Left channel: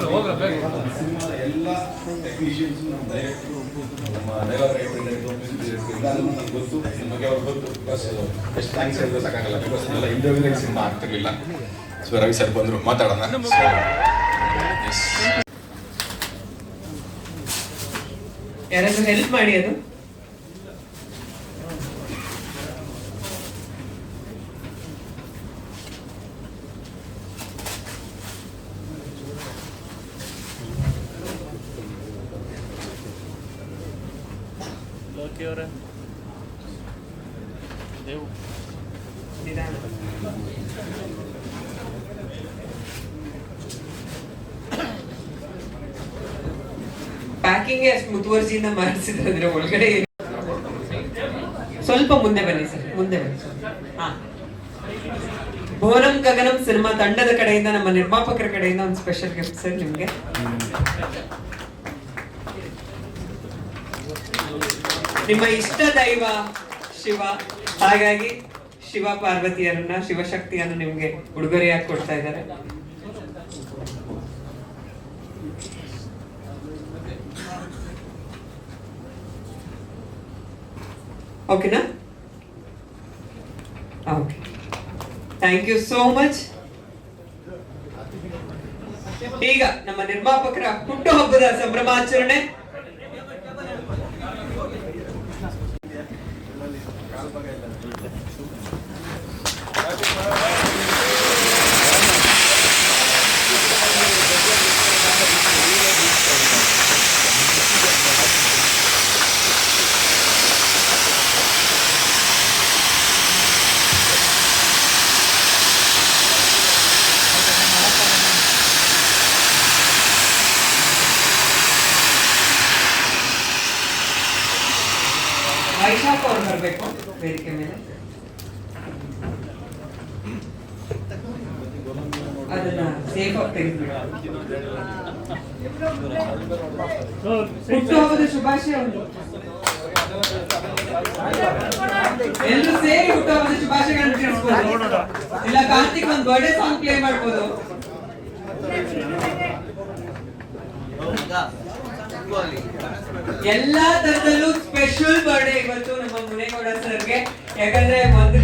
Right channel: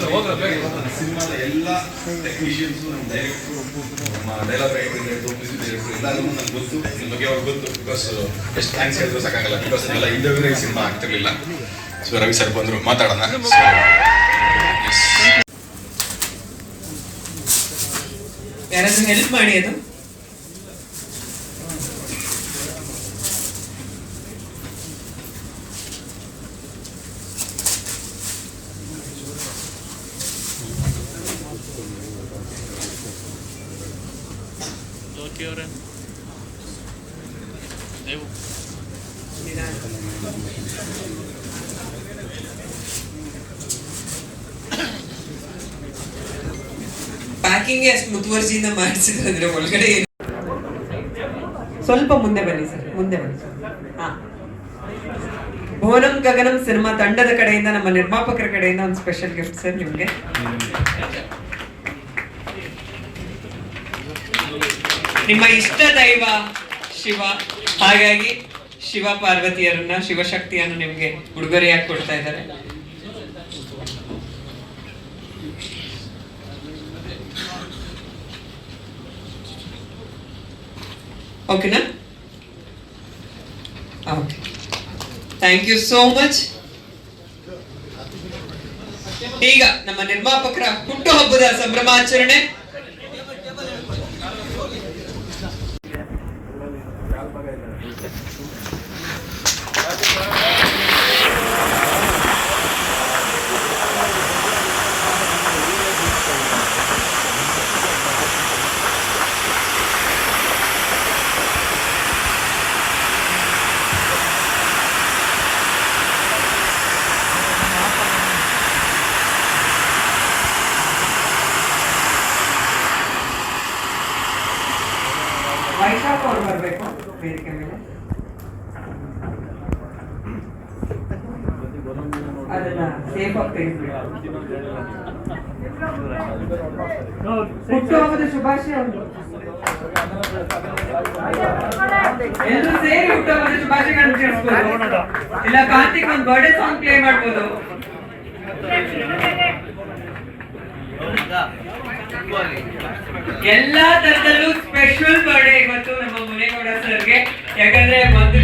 ಯಾವಾಗ ಬೆಳಗಿದ್ರು ಸಿನಿಮಾದ ಎಲ್ಲ ಟೆಕ್ನಿಷಿಯನ್ಸ್ ನಮ್ಮ ಡೈರೆಕ್ಟರ್ ನಮ್ಮ ಡೈಲಾಗ್ ರೈಟರ್ ಮ್ಯೂಸಿಕ್ ಡೈರೆಕ್ಟರ್ ಎಲ್ಲರೂ ನನಗೆ ಗೊತ್ತು ನಿಮ್ಮ ಬಗ್ಗೆ ಅವ್ರಿಗೆ ಗೊತ್ತು. ಬಿಕಾಸ್ ಎಷ್ಟು ಥ್ಯಾಂಕ್ಸ್ ಹೇಳಿದ್ರು ಸಾಕಾಗಲ್ಲ. ಬಿಕಾಸ್ ಎಲ್ಲ ಇಂಟರ್ವ್ಯೂನೇ ಸಿನಿಮಾ ಆಗ್ತಿರ್ಲಿಲ್ಲ. ಸೊ ರವಿ ಸರ್ ಬಂದರು, ಮಾತಾಡೋಣ. ಯಾರಾದ್ರೂ ಹೆಲ್ಪ್ ಮಾಡಿ. ಅದು ಪ್ಯಾಕಿಂಗ್ ಅಷ್ಟು ಮುತುವರ್ಜಿಯಿಂದ ಮಾಡಿಸಿದ್ರೆ ಒಳಗಡೆ ಸ್ವಲ್ಪ ಮುಂದೆ ಬನ್ನಿ ಸರ್, ಮುಂದೆ ಬನ್ನಿ. ಭುವನಂ ಗಗನಂ ಸಿನಿಮಾ ತಂಡದ ಕಡೆಯಿಂದ, ನಮ್ಮ ನಿರ್ಮಾಪಕರ ಕಡೆಯಿಂದ ಒಂದು ಸ್ಪೆಷಲ್ ಗಿಫ್ಟ್ ಸರ್ ನಿಮ್ಗೆ. ನಿಮ್ಮ ಇಷ್ಟ ದೈವ ಶಿವ, ಹಾಗಾಗಿ ಶಿವ ಪಾರ್ವತಿಯರನ್ನ, ಶಿವಶಕ್ತಿಯನ್ನು ನಿಮ್ಗೆ ಉಡುಗೊರೆಯಾಗಿ ಕೊಡ್ತಾ ಇದ್ದಾರೆ. ಓಕೆನಾ? Okay, thank you so much. ಈಗ ನಮ್ಮ ನಿರ್ಮಾಪಕರ ಹುಟ್ಟುಹಬ್ಬದ ಸಂಭ್ರಮಾಚರಣೆ. ವೈಶಾಖ ಅವ್ರು ಬರಬೇಕು ವೇದಿಕೆ ಮೇಲೆ. ಅದನ್ನ ಸೇಫ್ ಆಗಿ ತೆಗೆದ್ಬಿಡ. ಹುಟ್ಟುಹಬ್ಬದ ಶುಭಾಶಯ. ಎಲ್ಲರೂ ಸೇರಿ ಹುಟ್ಟುಹಬ್ಬದ ಶುಭಾಶಯಗಳನ್ನು ತಿಳಿಸ್ಬೋದು. ಇಲ್ಲ ಕಾರ್ತಿಕ್ ಒಂದು ಬರ್ಡೇ ಸಾಂಗ್ ಪ್ಲೇ ಮಾಡ್ಬೋದು. ಎಲ್ಲಾ ತರದಲ್ಲೂ ಸ್ಪೆಷಲ್ ಬರ್ಡೇ ಇವತ್ತು ನಮ್ಮ ಮುನೇಗೌಡ ಸರ್ಗೆ. ಯಾಕಂದ್ರೆ ಒಂದು